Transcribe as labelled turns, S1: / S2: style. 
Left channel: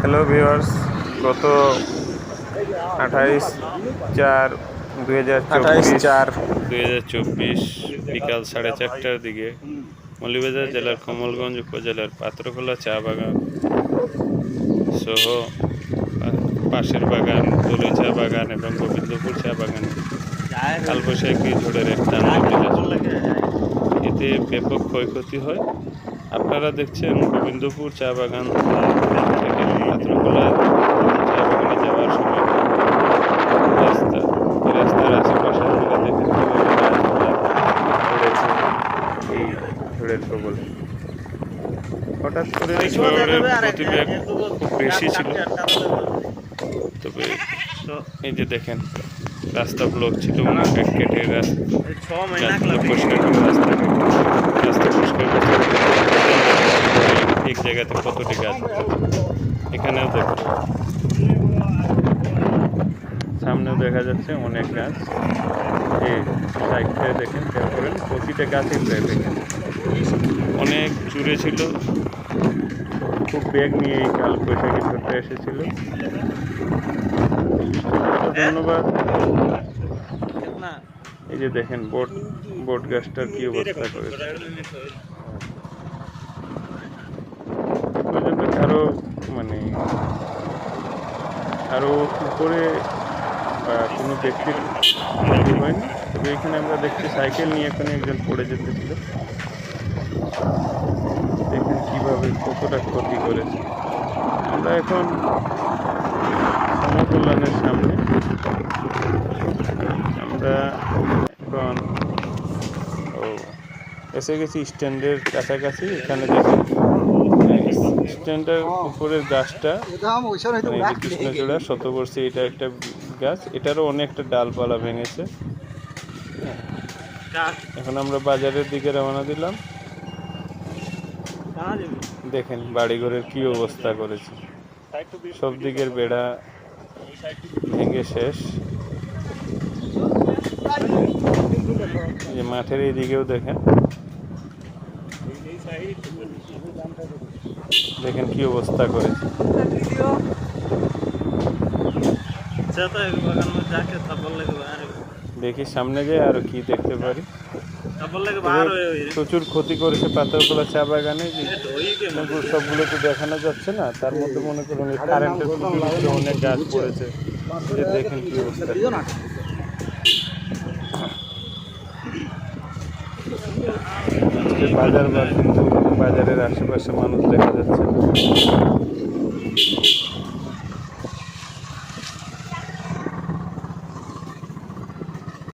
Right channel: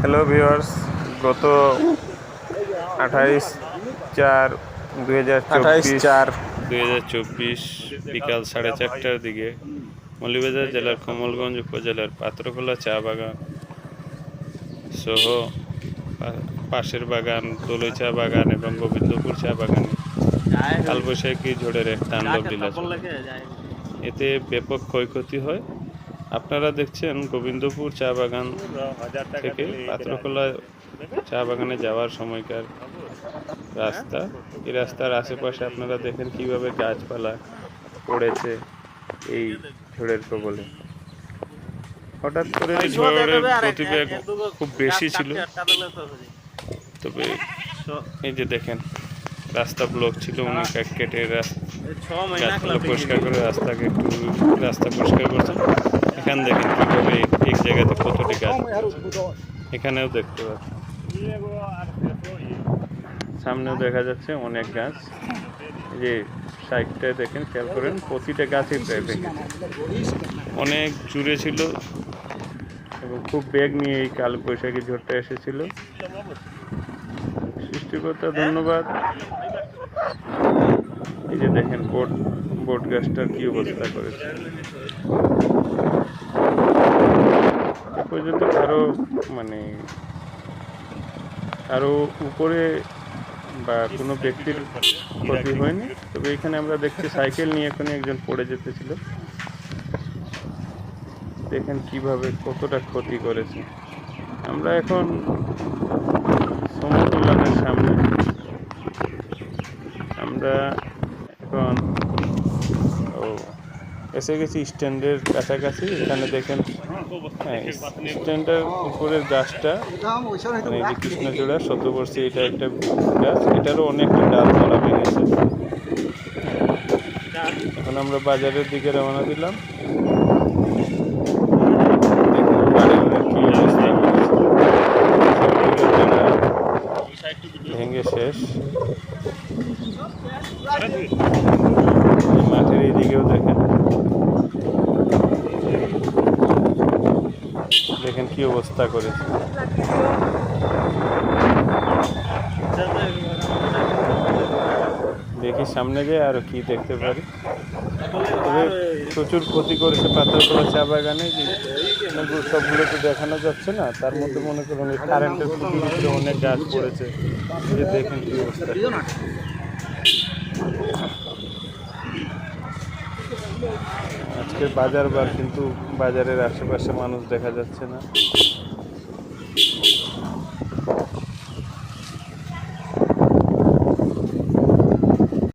S1: Hello viewers গত আঠাইশ চার দু হাজার
S2: আঠাইশ চার
S1: দুই হাজার চব্বিশ বিকাল সাড়ে চারটার দিকে মৌলভীবাজার জেলার কমলগঞ্জ উপজেলার পাত্রখোলা চা বাগান সহ পাশের বাগান দলই চা বাগান এবং গোবিন্দপুর চা বাগানে। কালবৈশাখী ঝড়ের এক তাণ্ডব এতে ব্যাপক ক্ষয়ক্ষতি হয়। আপনারা দেখছেন গোবিন্দপুর চা বাগান। থেকে পাত্রকলা চা বাগানে যাওয়ার সময়টা রাস্তা এই রাস্তার আশেপাশে আপনারা দেখেন কীভাবে গাছপালা পড়েছে এই ঝড়ের কবলে হঠাৎ করে ঝড়ের প্রতিবেগ খুব বেশি ছিল। তবে এই যে দেখেন রাস্তা ব্লক ছিল এক কেটে রাস্তা পরিষ্কার করে রাস্তাকে একটু রাস্তা পরিষ্কার করছে এখানে দেখেন কীভাবে এক জায়গাতে কতটি গাছ এখানেও দেখতে সামনেও দেখা যাচ্ছে অনেক গাছ। যে সাইডটায় দেখেন খেয়াল করেন প্রতিটা গাছই প্রায় ভেঙেছে অনেক জুড়ে ছিল। খুব বেগ নিয়ে এই কাল বৈশাখী ঝড়টা এসেছিল। সৃষ্টিকর্তা ধন্যবাদ। এই যে দেখেন, বোট বোট গাছটার কি অবস্থা করেছে। এ পর্যন্ত কারও মানে আরও উপরে বা কোনো ব্যক্তির ক্ষতি হয়নি। তবে এখানে আমরা দেখছি সাইকেল নিয়ে এখানে একজন পড়ে যেতেছিল দেখেন কীভাবে, কতটা ক্ষতি করেছে। আমরা এখন সমকল্যাণের সামনে। আমরা এখন, ও, এসে গেছি স্ট্যান্ডের কাছাকাছি। এখানে দেখেন, স্ট্যান্ডের উপরের গাছটা মানে কৃষ্ণচূড়া, শতবর্ষী, এটা একটা গাছ। এটারও অনেকটা ডালপালা ভেঙেছে। এখন আমরা বাজারের দিকে রওনা দিলাম। দেখেন বাড়িঘরের কি অবস্থা করেছে। সব দিকে বেড়া ভেঙে শেষ। মাঠের এই দিকেও দেখেন। দেখেন কি অবস্থা করেছে। দেখি সামনে যে আর কি দেখতে পারি। প্রচুর ক্ষতি করেছে পাথরকলা চা বাগানে সবগুলো তো দেখানো যাচ্ছে না। তার মধ্যে মনে করুন কারেন্টের অনেক গাছ পড়েছে। যে দেখেন কি অবস্থা। আজকে বাজার বার, কিন্তু বাজারের আশেপাশে মানুষ দেখা যাচ্ছে না।